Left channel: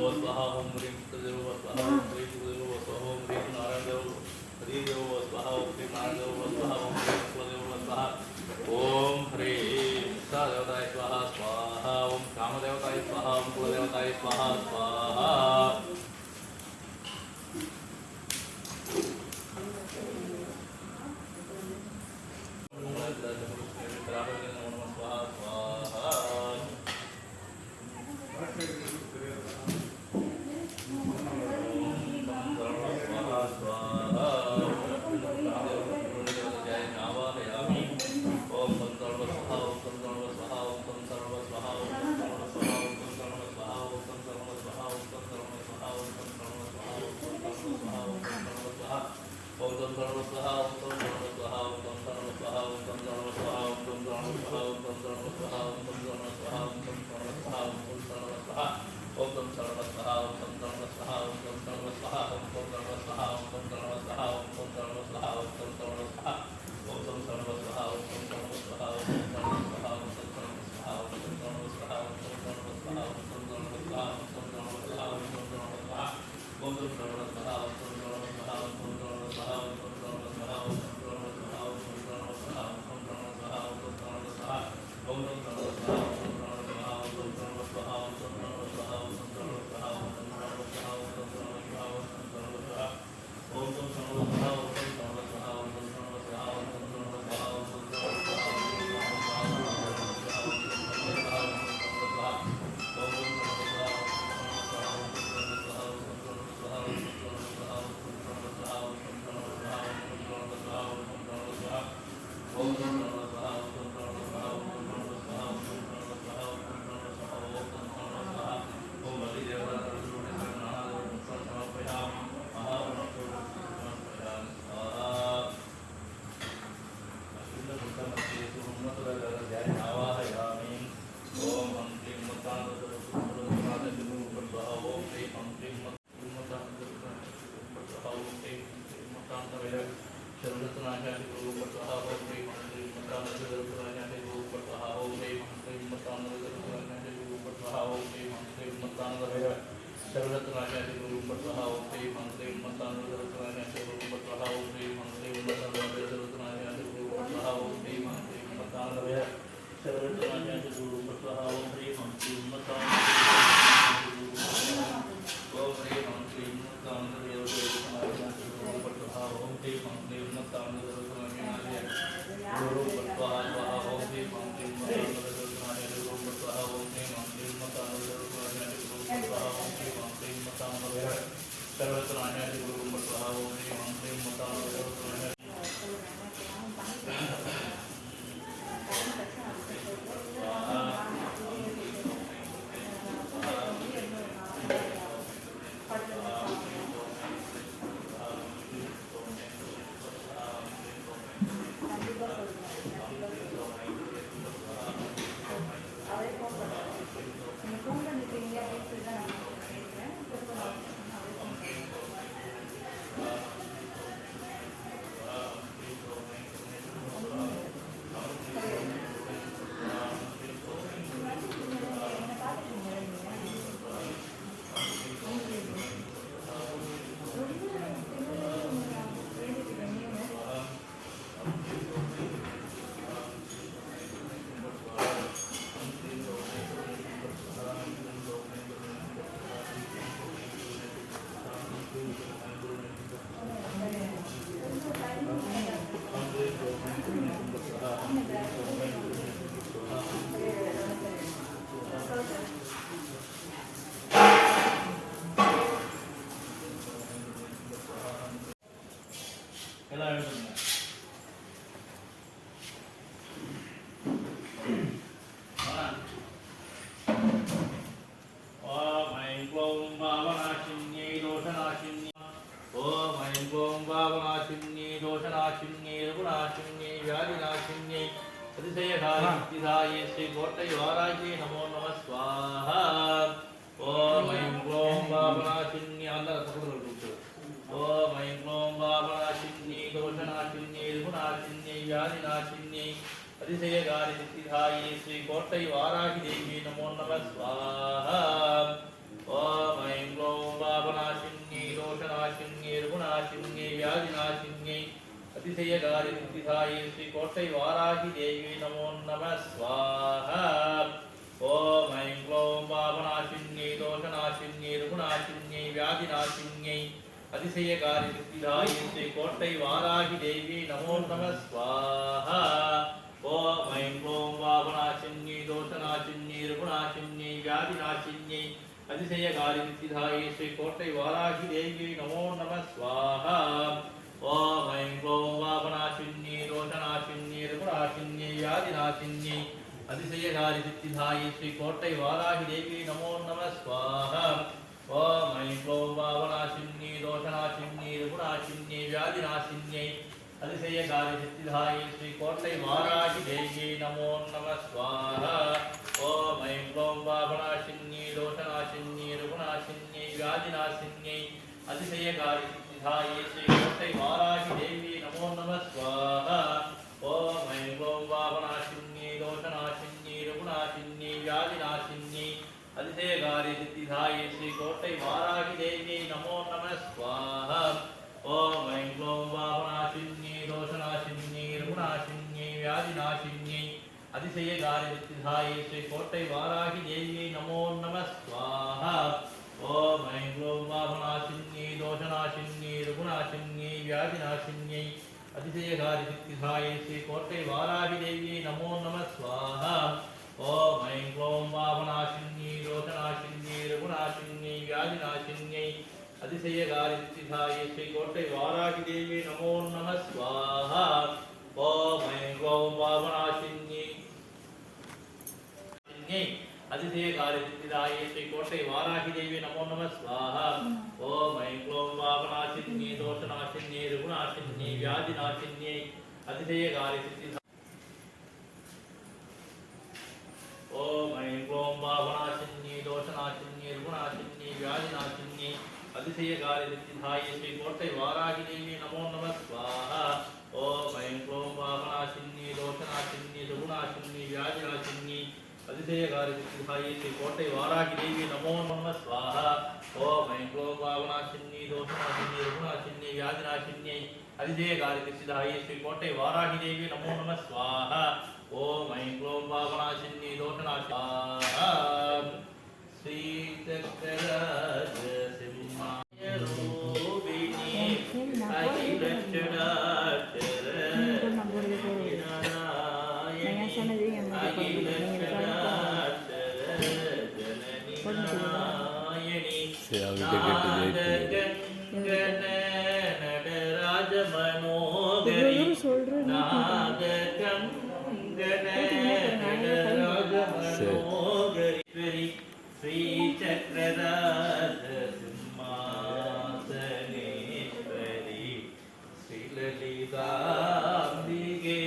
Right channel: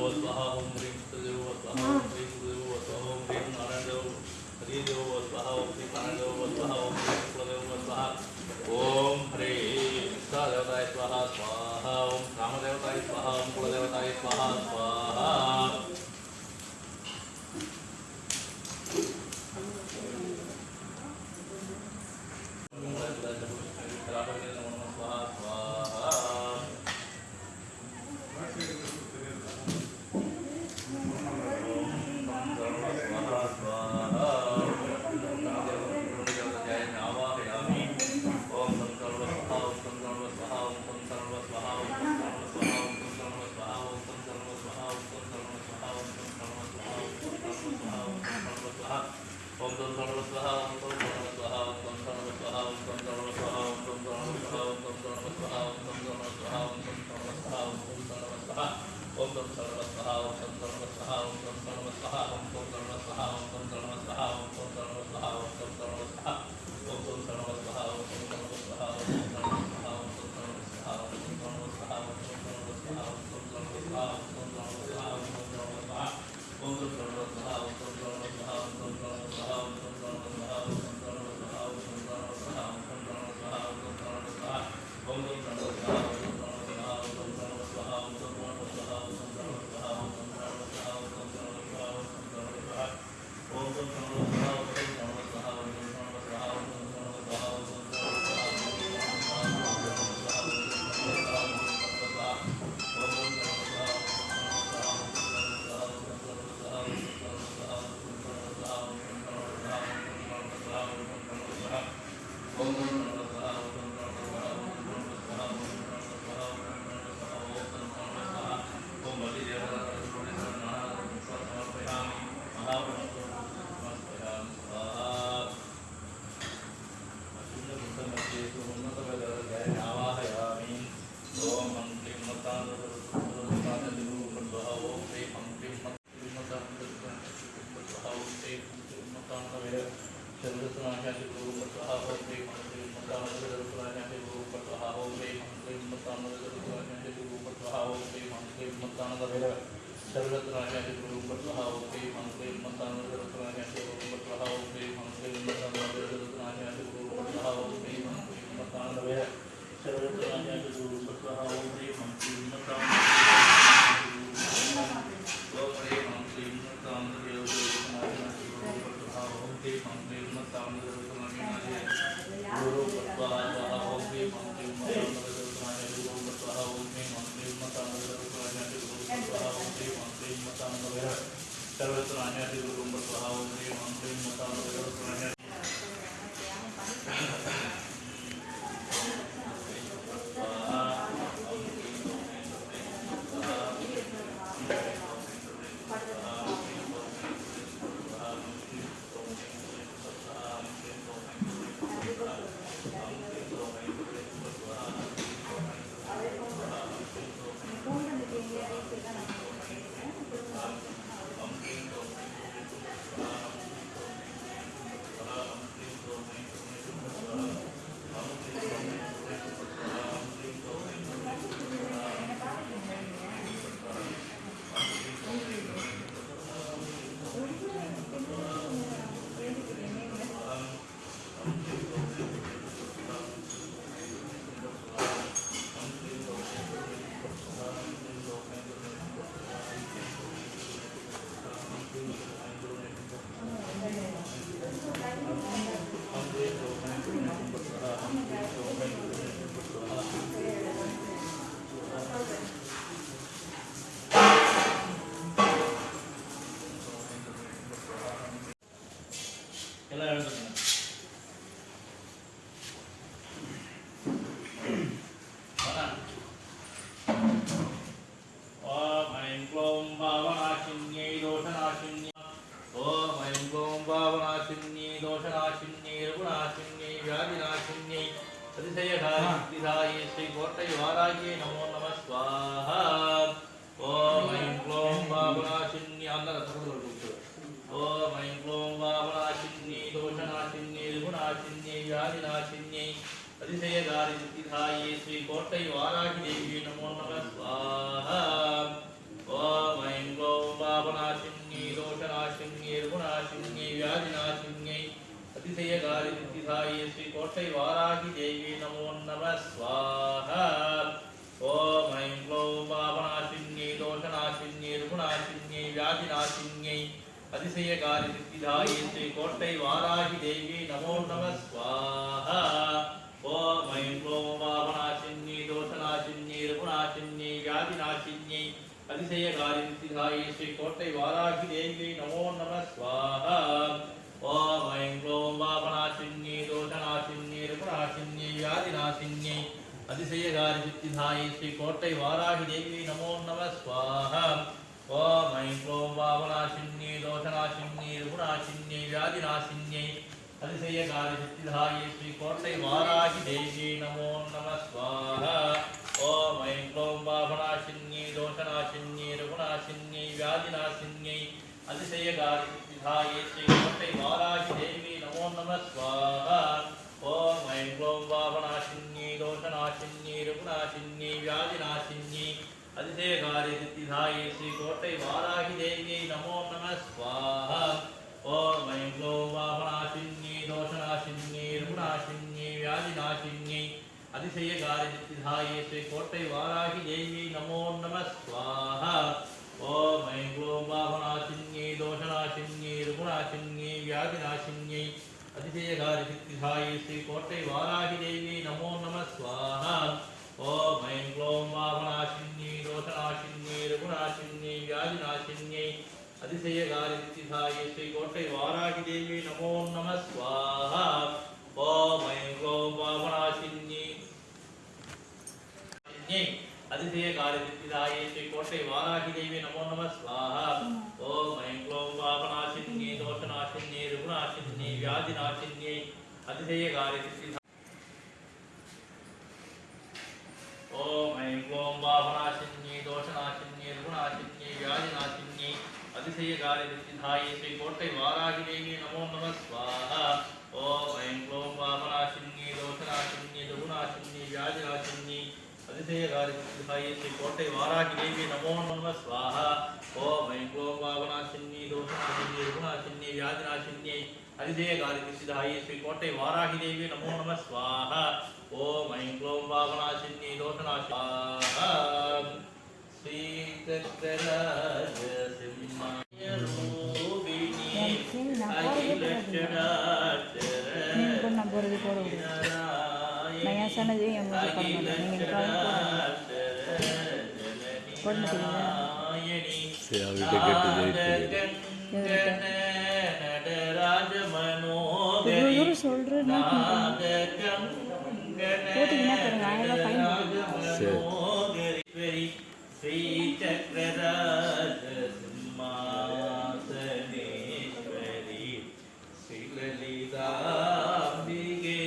स्वाहा ओम ह्रीं देव स्वाहा ओम ह्रीं देव स्वाहा ओम ह्रीं नारायण देव हरि देव स्वाहा ओम श्री नारायण देव स्वाहा ओम ह्रीं देव स्वाहा ओम ह्रीं देवताय स्वाहा स्वाहा ओम कामदेवताय स्वाहा ओम कुलदेवताय स्वाहा स्वाहा श्री कोटय वाराही नमो नमः स्वाहा ओम ऐं क्लों पापनाशिन्ये अंदर तपड़ुल्लु ओम ऐं क्लों पापनाशिन्ये दोषनाशिन्ये दुःखनाशिन्ये व्याधिनाशिन्ये अतिशयकारी सिद्धिदाये श्री कोटय वाराही देवी नमो नमः स्वाहा ओम ऐं அதிசயகாரி சித்திதாயே ஸ்ரீ கோட்டை வாராகி தேவி நமோ நம ஸ்வாஹா. ஓம் ஐம் க்ளோம் பாபநாசின்யை தோஷநாசின்யை ருகுநாசின்யை வியாதிநாசின்யை அதிசயகாரி சித்திதாயே ஸ்ரீ கோட்டை வாராகி தேவி நமோ நம ஸ்வாஹா. ஓம் ஐம் க்ளோம் பாபநாசின்யை தோஷநாசின்யை ருகுநாசின்யை வியாதிநாசின்யை அதிசயகாரி சித்திதாயே ஸ்ரீ கோட்டை வாராகி தேவி நமோ நம ஸ்வாஹா. ஓம் ஐம் க்ளோம் பாபநாசின்யை தோஷநாசின்யை ருகுநாசின்யை வியாதிநாசின்யை அதிசயகாரி சித்திதாயே ஸ்ரீ கோட்டை வாராகி தேவி நமோ நம ஸ்வாஹா. ஓம் ஐம் க்ளோம் பாபநாசின்யை தோஷநாசின்யை ருகுநாசின்யை வியாதிநாசின்யை அதிசயகாரி சித்திதாயே ஸ்ரீ கோட்டை வாராகி தேவி நமோ நம ஸ்வாஹா. ஓம் ஐம் க்ளோம் பாபநாசின்யை தோஷநாசின்யை ருகுநாசின்யை வியாதிநாசின்யை அதிசயகாரி சித்திதாயே ஸ்ரீ கோட்டை வாராகி தேவி நமோ நம ஸ்வாஹா. ஓம் ஐம் க்ளோம் பாபநாசின்யை தோஷநாசின்யை ருகுநாசின்யை வியாதிநாசின்யை அதிசயகாரி சித்திதாயே ஸ்ரீ கோட்டை வாராகி தேவி நமோ நம ஸ்வாஹா. ஓம் ஐம் க்ளோம் பாபநாசின்யை தோஷநாசின்யை ருகுநாசின்யை வியாதிநாசின்யை அதிசயகாரி சித்திதாயே ஸ்ரீ கோட்டை வாராகி தேவி நமோ நம ஸ்வாஹா. ஓம் ஐம் க்ளோம் பாபநாசின்யை தோஷநாசின்யை ருகுநாசின்யை வியாதிநாசின்யை அதிசயகாரி சித்திதாயே ஸ்ரீ கோட்டை வாராகி தேவி நமோ நம ஸ்வாஹா. ஓம் ஐம் க்ளோம் பாபநாசின்யை தோஷநாசின்யை ருகுநாசின்யை வியாதிநாசின்யை அதிசயகாரி சித்திதாயே ஸ்ரீ கோட்டை வாராகி தேவி நமோ நம ஸ்வாஹா. ஓம் ஐம் க்ளோம் பாபநாசின்யை அதிசயகாரி சித்திதாயே ஸ்ரீ கோட்டை வாராகி தேவி நமோ நம ஸ்வாஹா. ஓம் ஐம் க்ளோம் பாபநாசின்யை தோஷநாசின்யை ருகுநாசின்யை வியாதிநாசின்யை அதிசயகாரி சித்திதாயே ஓம் ஐம் க்ளோம் பாபநாசின்யை தோஷநாசின்யை ருகுநாசின்யை வியாதிநாசின்யை அதிசயகாரி சித்திதாயே ஸ்ரீ கோட்டை வாராகி தேவி நமோ நம ஸ்வாஹா. ஓம் ஐம் க்ளோம் பாபநாசின்யை தோஷநாசின்யை ருகுநாசின்யை வியாதிநாசின்யை அதிசயகாரி சித்திதாயே ஸ்ரீ கோட்டை வாராகி தேவி நமோ நம ஸ்வாஹா. ஓம் ஐம் க்ளோம் பாபநாசின்யை தோஷநாசின்யை ருகுநாசின்யை வியாதிநாசின்யை அதிசயகாரி சித்திதாயே ஸ்ரீ கோட்டை வாராகி தேவி நமோ நம ஸ்வாஹா. ஓம் ஐம் க்ளோம் பாபநாசின்யை தோஷநாசின்யை ஸ்ரீ சக்கரராஜ சிம்மாய ரூபிணி அகிலட்சணாட்சர நாராயணி அகிலட்சணாட்சர ஜனனி நாராயணி நாககங்கண நடராஜ மனோகரி நாககங்கண நடராஜ மனோகரி ஸ்ரீ சக்கரராஜ சிம்மாசனேஸ்வரி ஸ்ரீலலிதாம்பிகே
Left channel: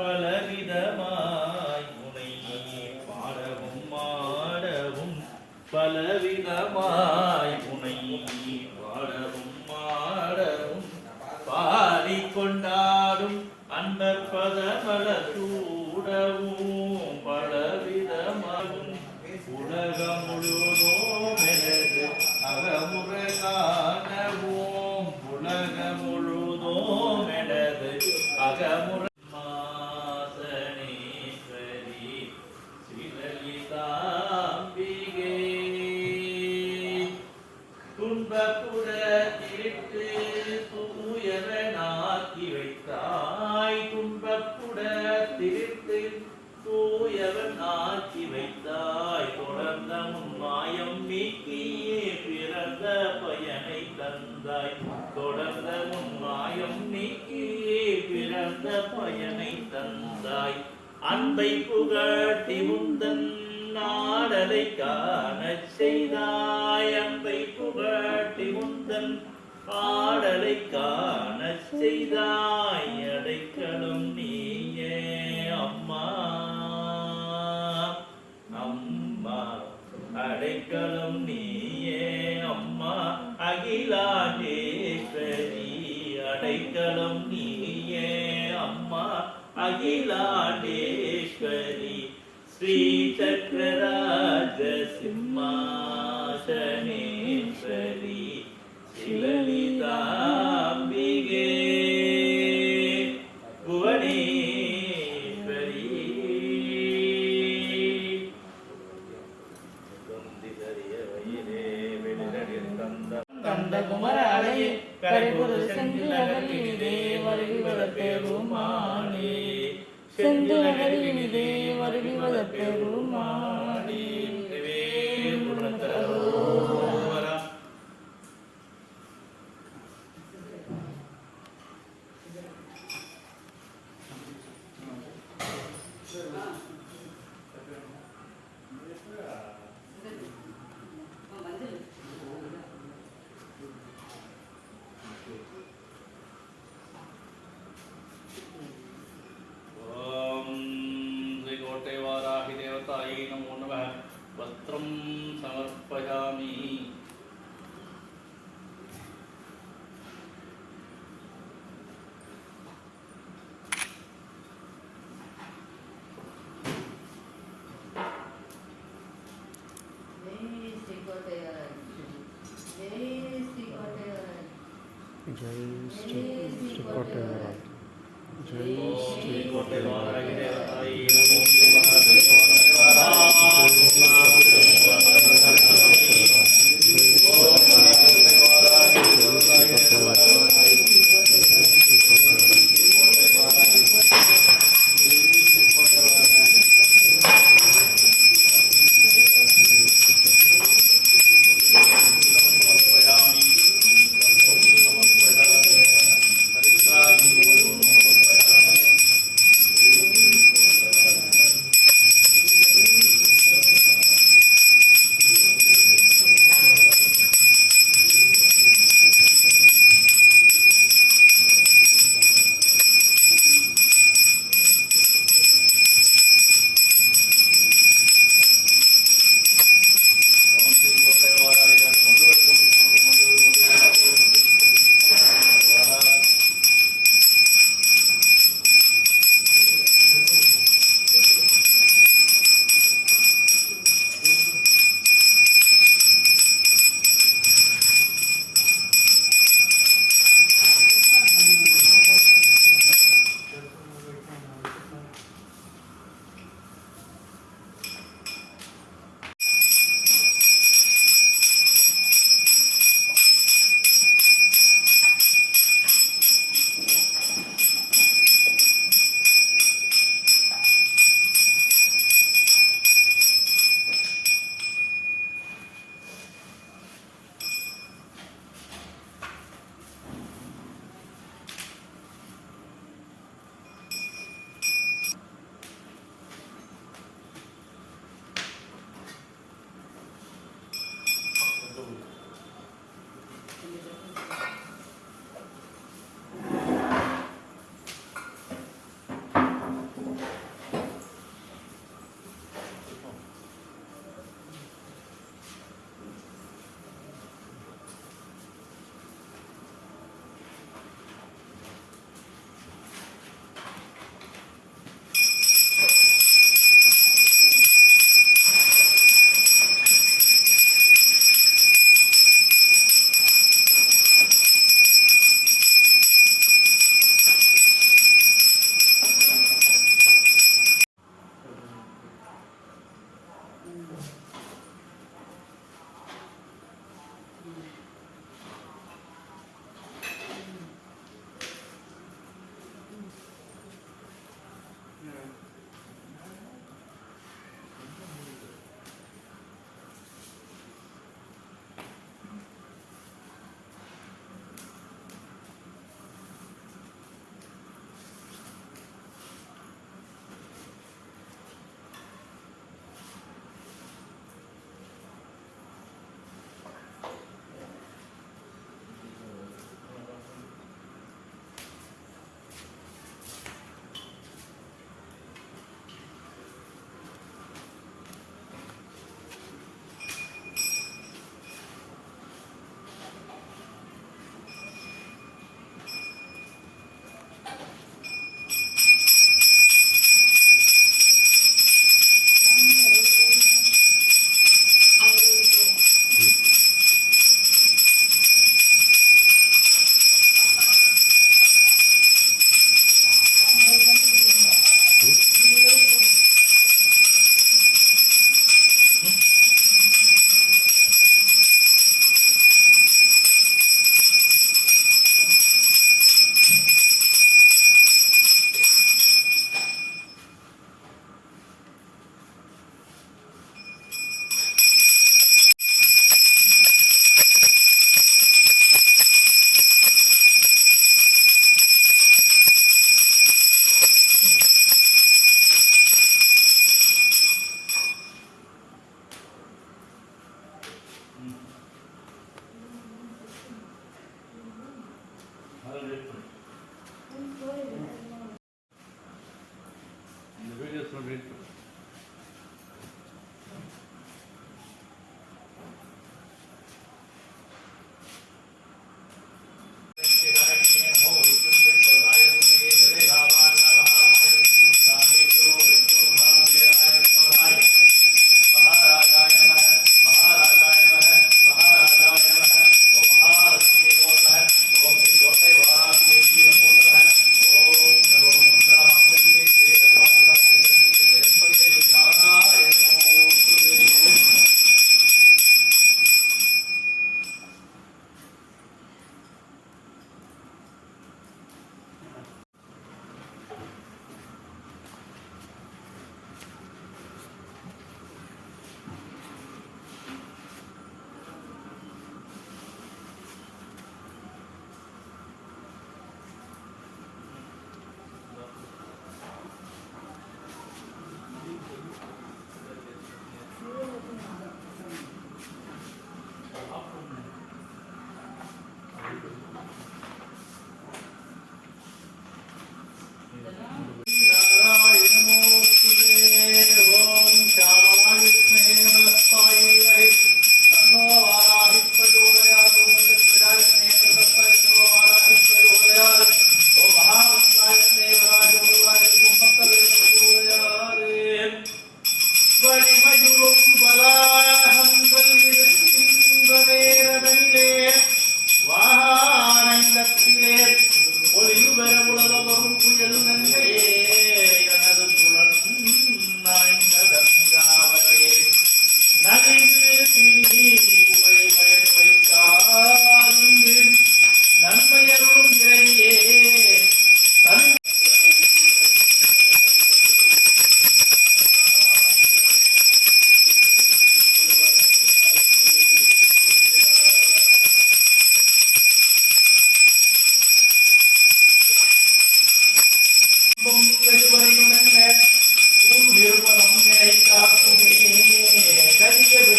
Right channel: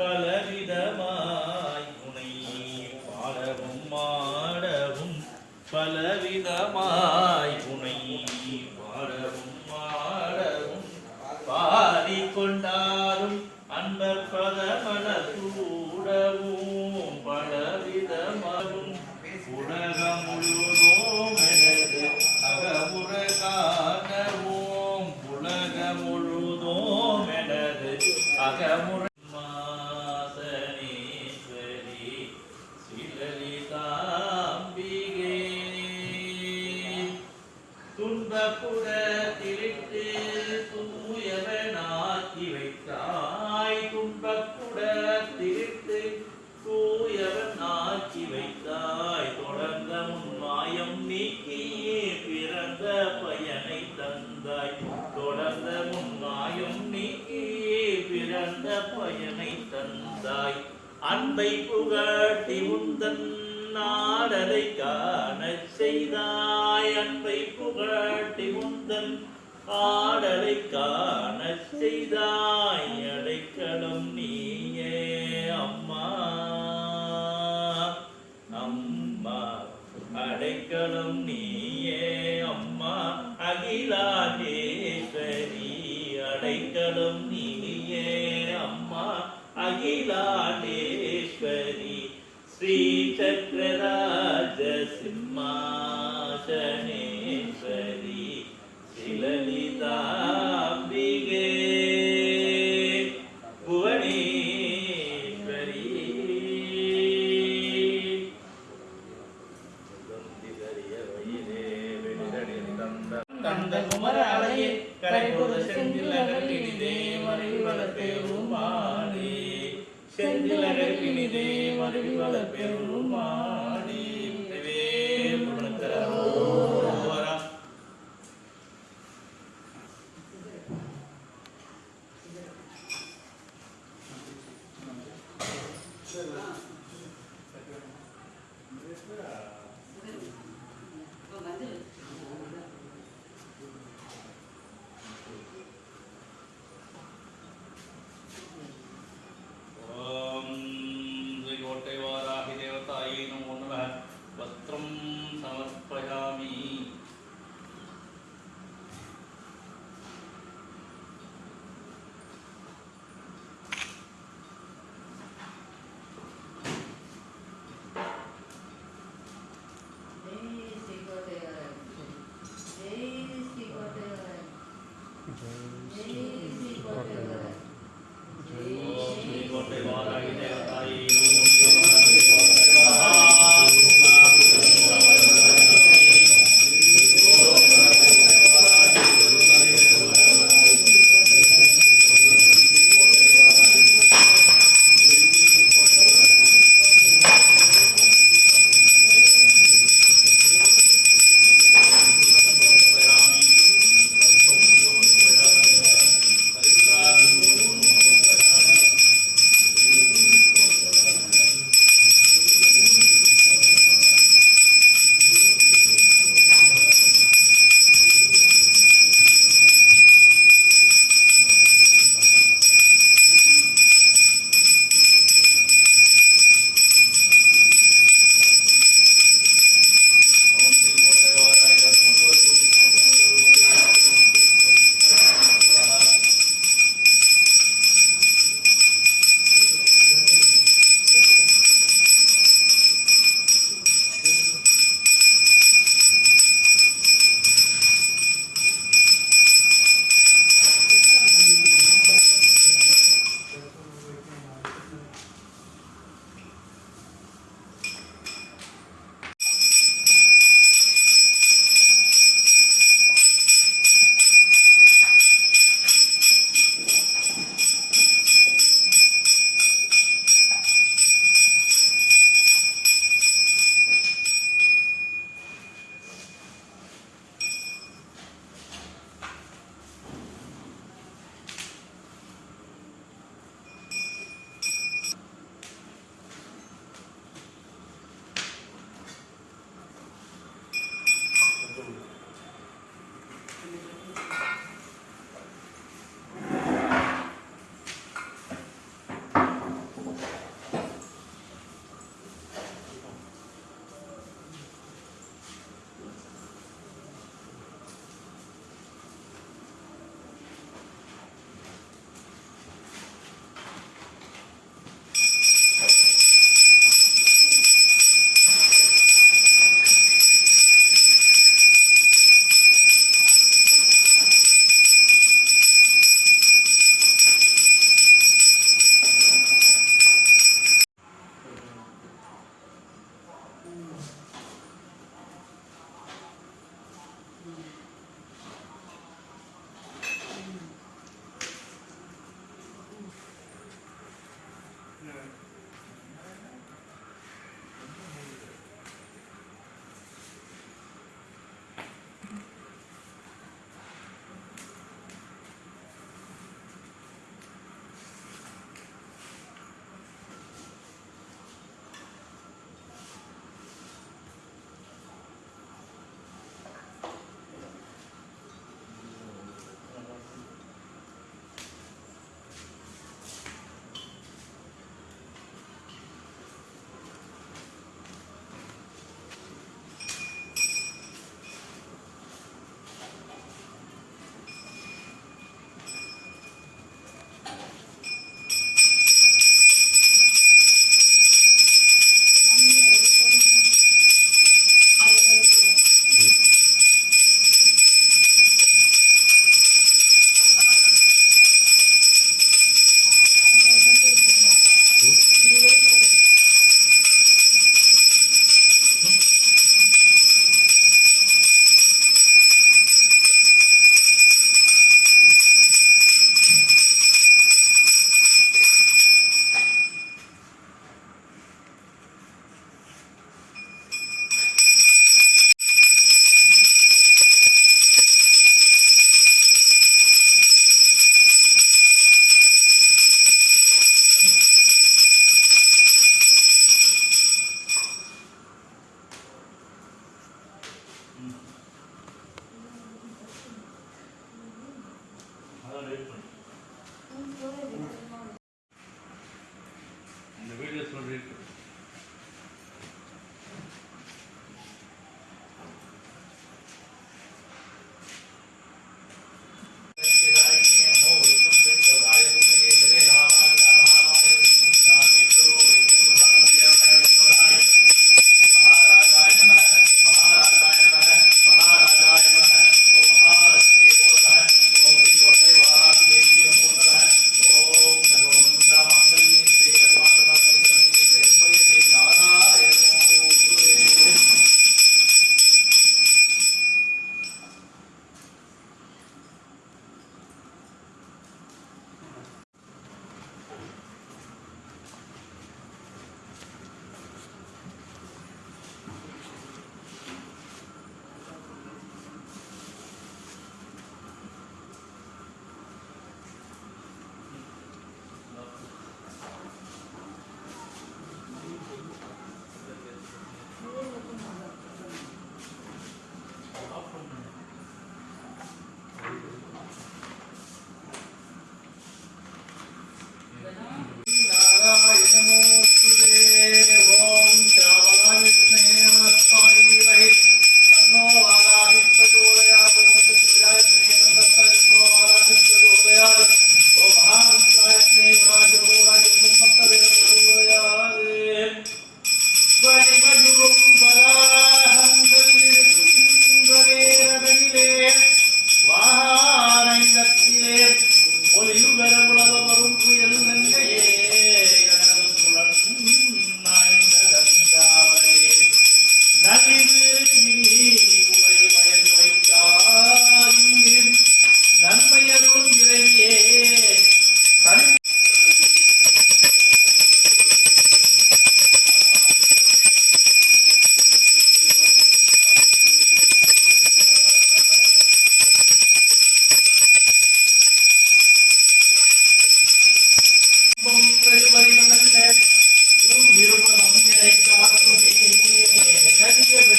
பலவிதமாய் முனை பாடவும் மாடவும் பலவிதமாய் முனை பாடவும் மாடவும் பாடிக்கொண்டாடும் அந்த பதமல சூடவும் பலவிதமாகும் உலகம் முழுவதும் எனது அகமுறை காணவும் உலகம் முழுவதும் எனது அகமுறை மாசனேஸ்வரி ஸ்ரீலலிதாம்பிகே துன்பப்புற திருட்டு தூயவனாக்கி வைத்தாய் துன்பப்புட திருட்டு தூயவன் ஆக்கி வைத்தாய் தொடர்ந்த முன்மாயம் நீக்கியே பிறந்த பயனை தந்தாய் தொடர்ந்த முன்மாயம் நீக்கியே பிறந்த பயனை தந்தாய் அன்பை புகட்டி முந்தன் நாடலை காணச் செய்தாய் அன்பை புகட்டி முந்தன் ஆடலை காணச் செய்தாய் அடைக்கலம் நீயே அம்மா அம்மா அடைக்கலம் நீயே அம்மா அகிலாண்டேஸ்வரி அடைக்கலம் நீயே அம்மா அகிலாண்டேஸ்வரி ஸ்ரீ சக்கரராஜ சிம்மாசனேஸ்வரி ஸ்ரீலலிதாம்பிகே தந்த குமராலையே கரைபோது செந்தில் நகர் இனிதே மறைவத பெருமானே செந்தில் நகர் இனிதே மறைவத பெருமானே புரணத்தரோவரா नमो नमः वस्त्रं समर्पयामि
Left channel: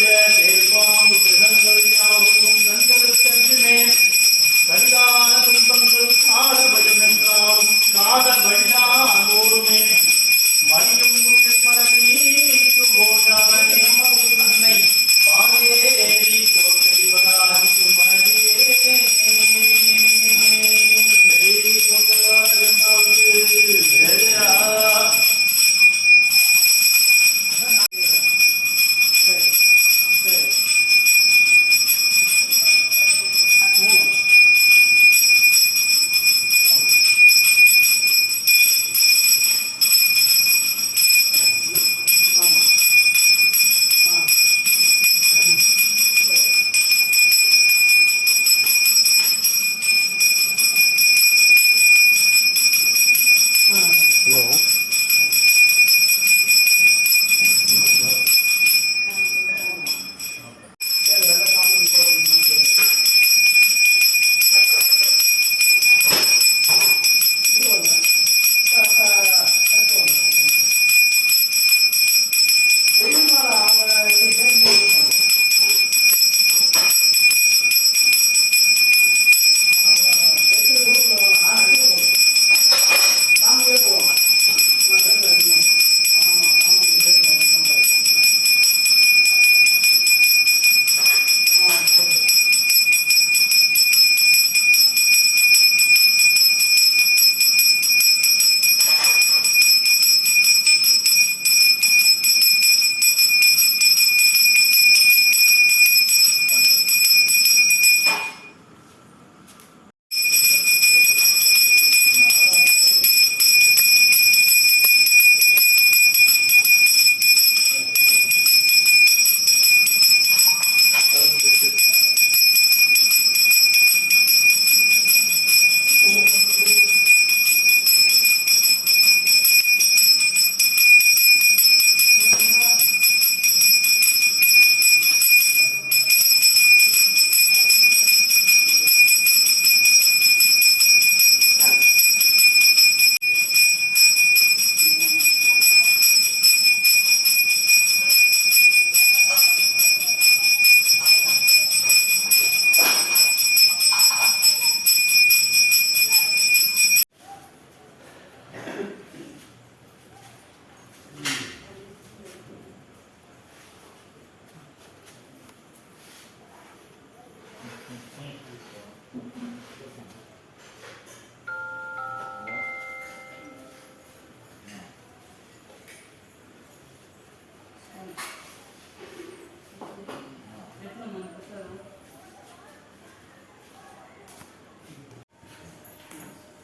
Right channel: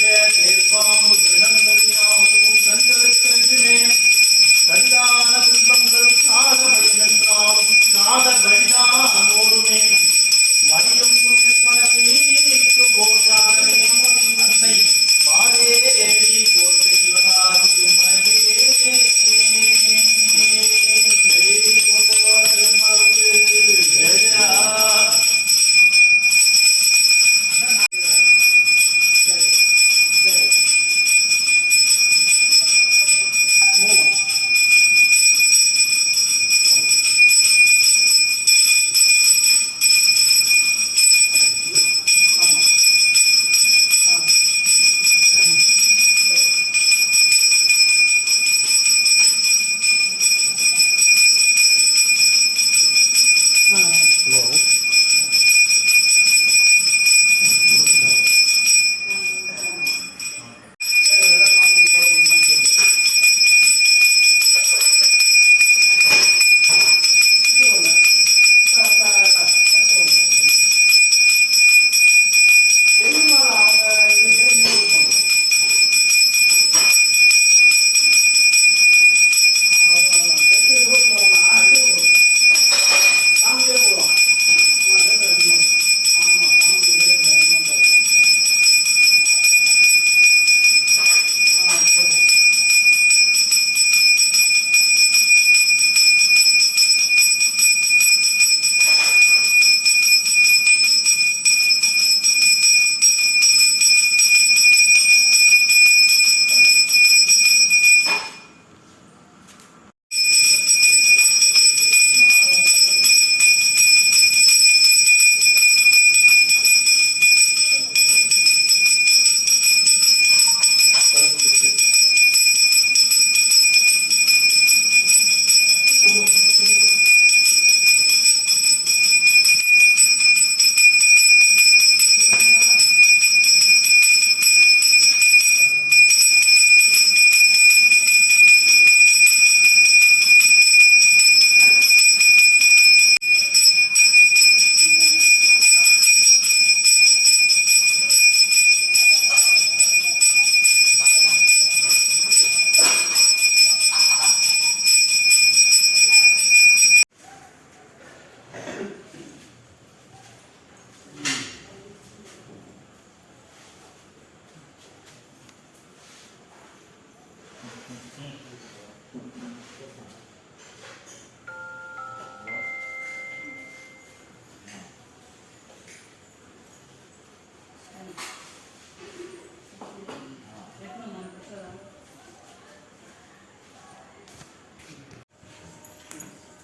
கேள்பாம்பு கிரகங்கள் யாவும் கண்களுக்கென்றுமே கண்டான துன்பங்கள் கால பயம் என்றாலும் காதல் வழிதான் ஓடுமே மடியும் மனமீக்கும் போதானே அன்னை Madevi போன்றைவராகும் மடியே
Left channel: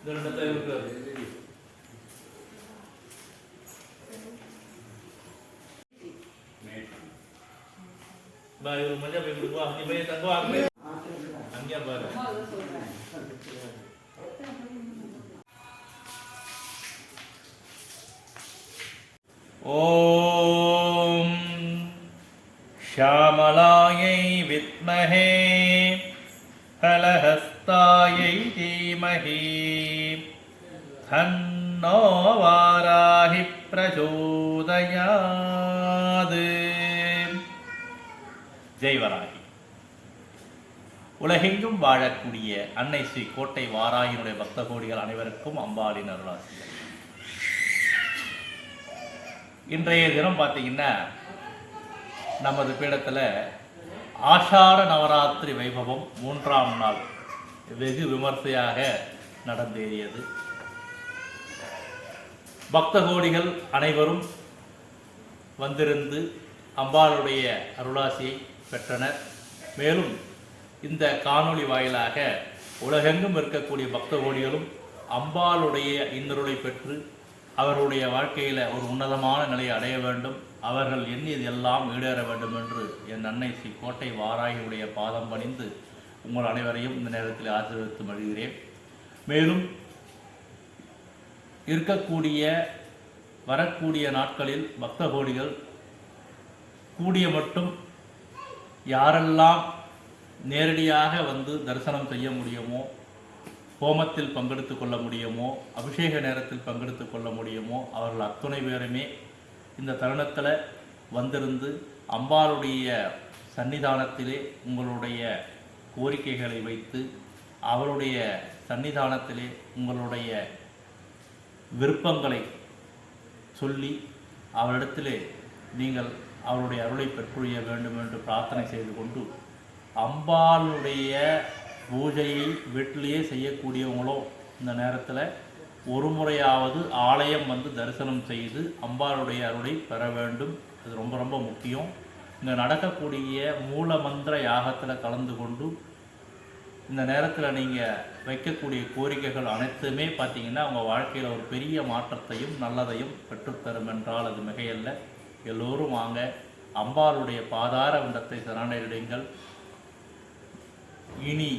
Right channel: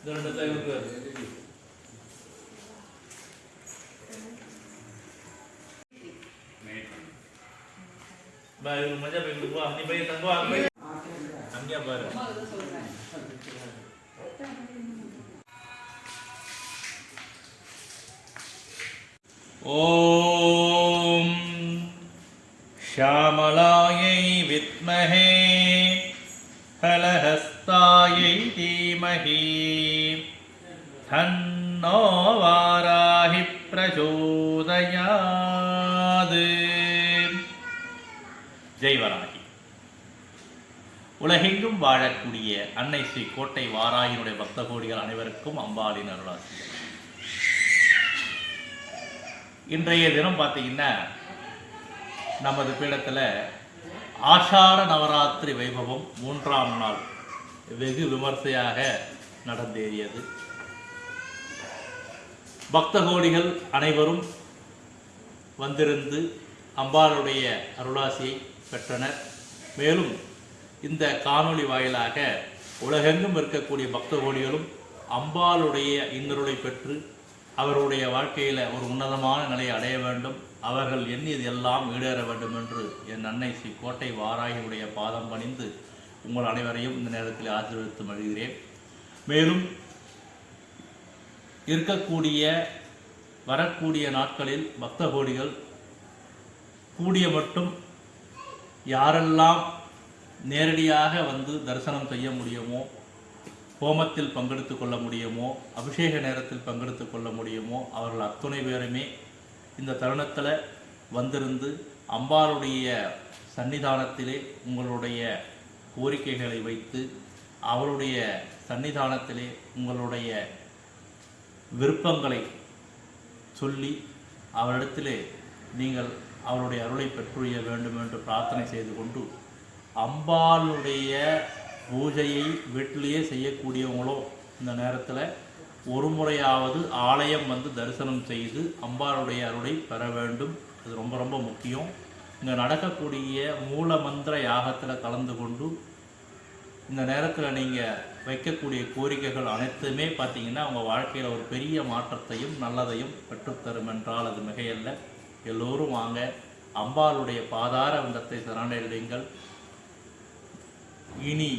Donde está el club? Baik rumahnya baik dua, ini baik tangguh aku. Angnya baru. Om Shyamalaya Vidmahe Halahastaya Dhimahi Thanno Varahi Prachodayad. Jai Varahi. உலகெங்கும் வாழக்கூடிய அன்னை ஸ்ரீ கோட்டை வாராகியினுடைய பக்த கோடிகள் அனைவருக்கும் அம்பாளின் அருளாசிகள். இன்றைய தினம் பார்த்தீங்கன்னா நமது பீடத்தில் ஆஷாட நவராத்திரி வைபவம் 3ஆம் நாள் வெகு விமர்சையாக நடந்தேறியது. பக்த கோடிகள் அனைவரும் வந்திருந்து அம்பாளுடைய அருளாசியை பெற்றனர். மேலும் இந்த காணொளி வாயிலாக உலகெங்கும் இருக்கக்கூடிய பக்த கோடிகளும் அம்பாளுடைய இன்னருளை பெற்று அவருடைய வாழ்க்கையில் ஒரு உன்னதமான நிலையை அடைய வேண்டும், அவர்கள் எண்ணியது எல்லாம் ஈடேற வேண்டும் என்று என் அன்னை ஸ்ரீ கோட்டை வாராகியுடைய பாதம் பணிந்து உங்கள் அனைவரையும் இந்த நேரத்தில் ஆசீர்வதித்து மகிழ்கிறேன். மேலும் வரக்கூடிய நாட்களில் பக்த கோடிகள் கூடிய மட்டும் யாரெல்லாம் நேரடியாக வந்து தரிசனம் செய்ய முடியுமோ, ஹோமத்தில் பங்கெடுத்து கொள்ள முடியுமோ, அபிஷேக நேரத்தில் பங்கெடுத்து கொள்ள முடியுமோ அவர்கள் அத்துணை பேருமே இந்த தருணத்தில் வந்திருந்து அம்பாளுடைய சன்னிதானத்திலே உங்களுடைய கோரிக்கைகளை வைத்து அவருடைய சன்னிதானத்திலே உங்களுடைய விருப்பங்களை சொல்லி அவரிடத்திலே நீங்கள் அவருடைய அருளை பெற்றுய வேண்டும் என்று பிரார்த்தனை செய்து கொண்டு, அம்பாளுடைய பூஜையை வீட்டிலேயே செய்யக்கூடியவங்களோ இந்த நேரத்தில் ஒரு முறையாவது ஆலயம் வந்து தரிசனம் செய்து அம்பாளுடைய அருளை பெற வேண்டும். அது ரொம்ப ரொம்ப முக்கியம். இங்கே நடக்கக்கூடிய மூல மந்திர யாகத்தில் கலந்து கொண்டு இந்த நேரத்தில் நீங்கள் வைக்கக்கூடிய கோரிக்கைகள் அனைத்துமே பார்த்தீங்கன்னா உங்கள் வாழ்க்கையில் ஒரு பெரிய மாற்றத்தையும் நல்லதையும் பெற்றுத்தரும் என்றால் அது மிகையல்ல. எல்லோரும் வாங்க, அம்பாளுடைய பாதார விந்தத்தை சரணடையுங்கள். இனி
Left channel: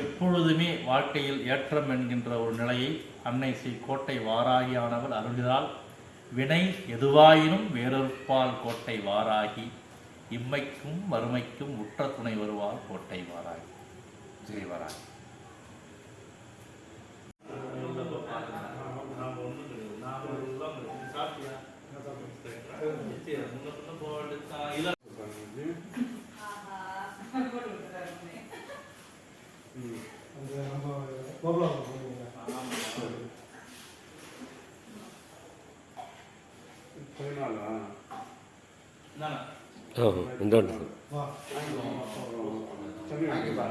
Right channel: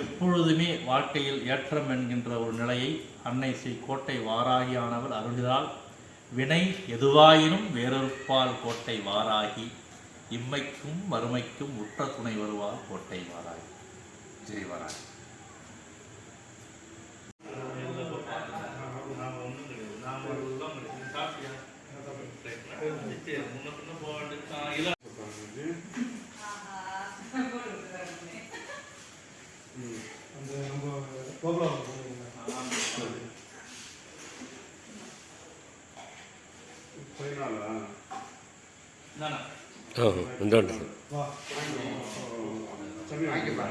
எப்பொழுதுமே வாழ்க்கையில் ஏற்றம் என்கின்ற ஒரு நிலையை அன்னை ஸ்ரீ கோட்டை வாராகியானவள் அருள்கிறாள். வினை எதுவாயினும் வேறொருப்பால் கோட்டை வாராகி, இம்மைக்கும் மறுமைக்கும் உற்ற துணை வருவாள் கோட்டை வாராகி. ஜெய் வாராகி. ఉండండి.